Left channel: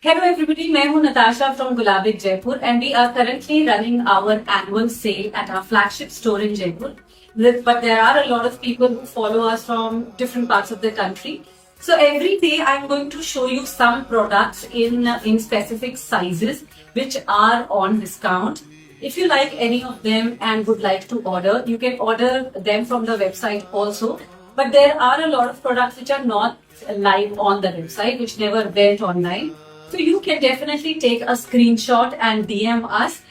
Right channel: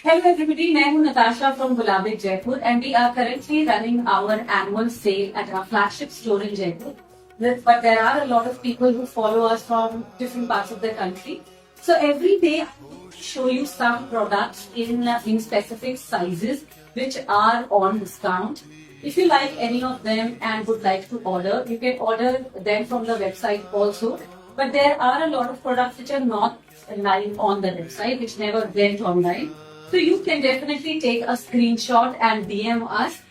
Hello everybody, मैं हूँ Natasha from Gulabik Jaipur and we are currently running our annual sale at our flagship store in Jaipur. But there are a lot of people who follow us from different parts of the country. So every day I'm going to show you some products in specific sizes which are on discount. If you like any of them and would like to order, you can order them from the website also. But there are a lot of products which are not live on the website, which never went online. So you can definitely take a screenshot and DM us,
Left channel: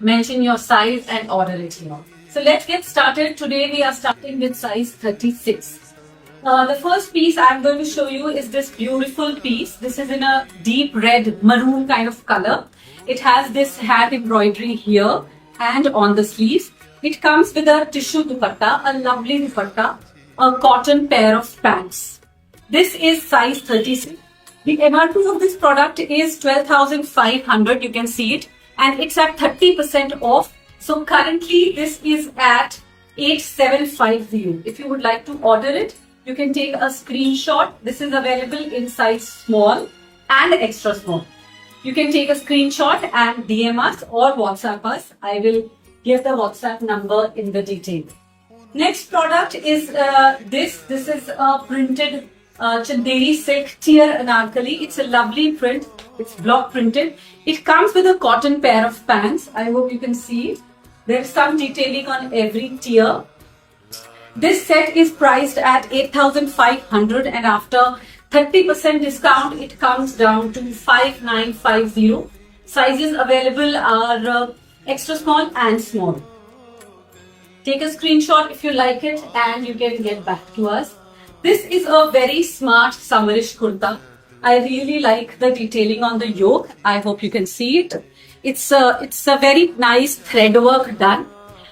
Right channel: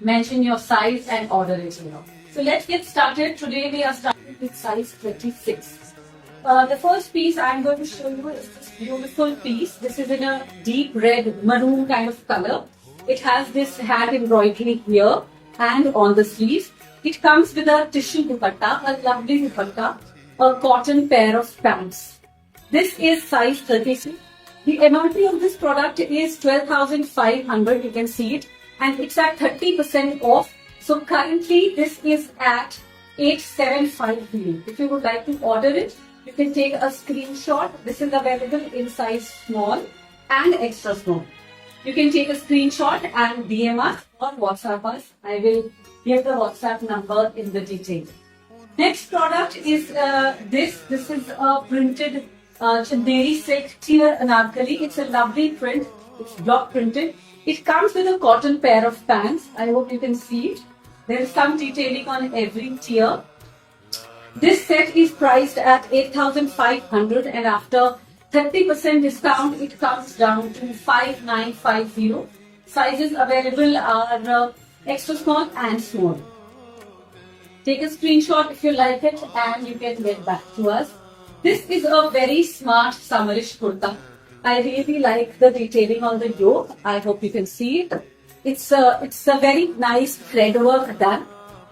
mention your size and order it now. So let's get started. Today we are starting with size 36. The first piece I'm going to show you is this beautiful piece. This is in a deep red maroon kind of color. It has this hand embroidery here and on the sleeves. It comes with a tissue dupatta, a lovely dupatta, a cotton pair of pants. This is size 36. The MRP of this product is 12,500, you can see it, and it's at 30% off. So currently this is at 8750. If you would like to order it, you can take a screenshot. This is available in size small and extra small. You can take a screenshot and DM us or WhatsApp us. I will give the WhatsApp number in the detail. Next product is this. This is a printed Chanderi silk tier anarkali. It's a lovely print. It's block printed. It comes with a cotton pair of pants. I hope you can see it. There's some detailing on every tier. This set is priced at 8,500 and after 30% discount it comes down to 5,950. Sizes available are extra small and small. Take a screenshot if you like it and you can get back to us. This is a very smart summerish kurta. I really like the detailing on the yoke. I hope you can see it. It's a very nice thread work done.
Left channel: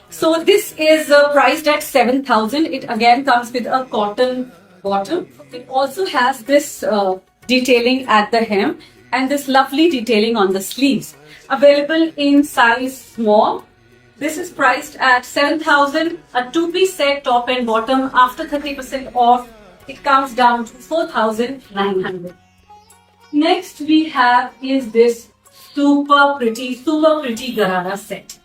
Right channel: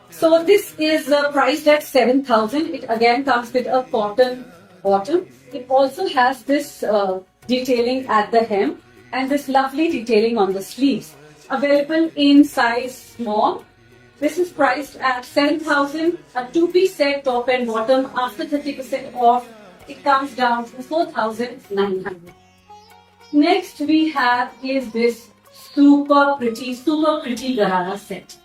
So this is priced at 7,000. It again comes with a cotton bottom. It also has this detailing at the hem and this lovely detailing on the sleeves. Available in size small. This is priced at 7,000. A two-piece set, top and bottom. After 30% off, it comes down to 4,900. Next we have is this super pretty Garara set.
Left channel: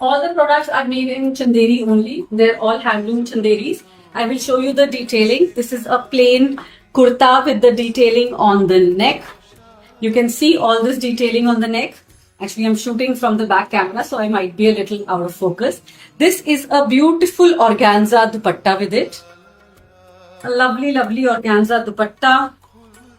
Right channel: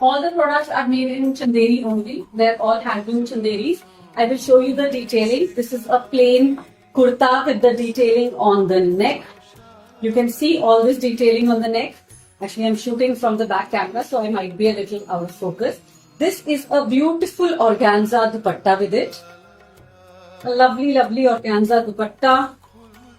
All the products are made in Chanderi only. They're all handloom Chanderis. I will show you the detailing. This is a plain kurta with the detailing on the neck. You can see all this detailing on the neck. Actually, I'm shooting from the back camera, so I might be a little out of focus. This is a beautiful organza dupatta with it. A lovely, lovely organza dupatta.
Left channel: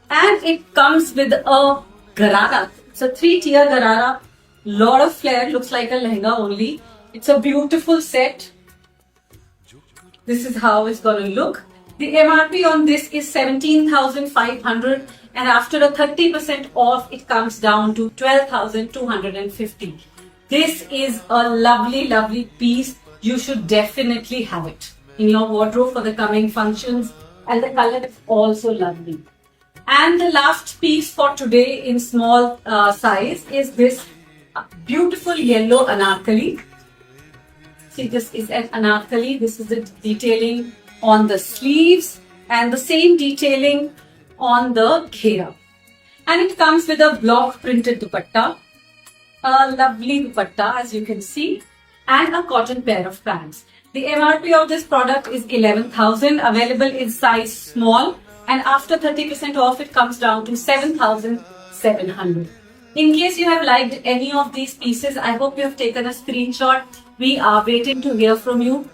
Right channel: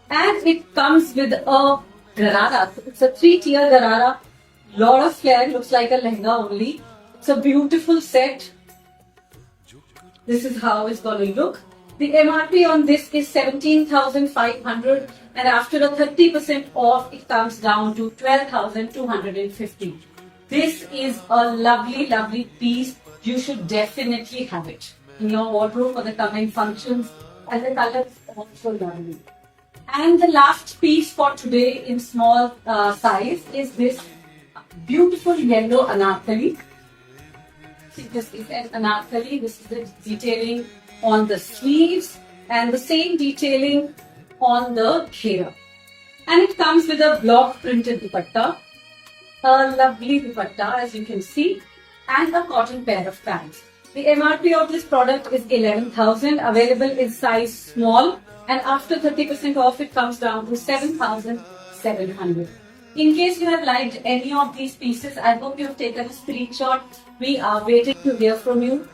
And it comes with a garara. It's a 3-tier garara. Lot of flare. Looks like a lehenga only. It's a beautiful set. This is how it's going to look. The MRP on this is 17,500 and after a 30% off, it comes down to 12,250. This is a lovely, lovely piece. You should definitely have it in your wardrobe for the coming functions, and the color is also lovely. And the last piece for today in small size is this beautiful yellow anarkali. See, this is an anarkali. This is the detailing on the sleeves and the same detailing on the ghera. And it comes with a block printed dupatta, a lovely dupatta as you can see, and a cotton pair of pants. The MRP of this product is 11,000, available in size small, and after 30% off it comes down to 7,700. In case you have liked any of these pieces, I hope you have taken a screenshot. We are waiting to hear from you.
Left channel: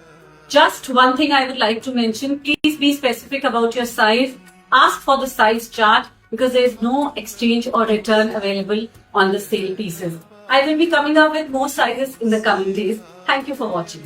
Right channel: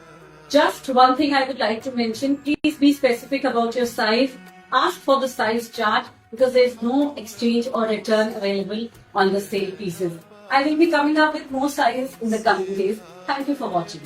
Just one thing I would like to mention, please be specific about your size. Ask for the size chart because there is no exchange or return available on the sale pieces. I will be coming up with more sizes in the coming days. Thank you for watching.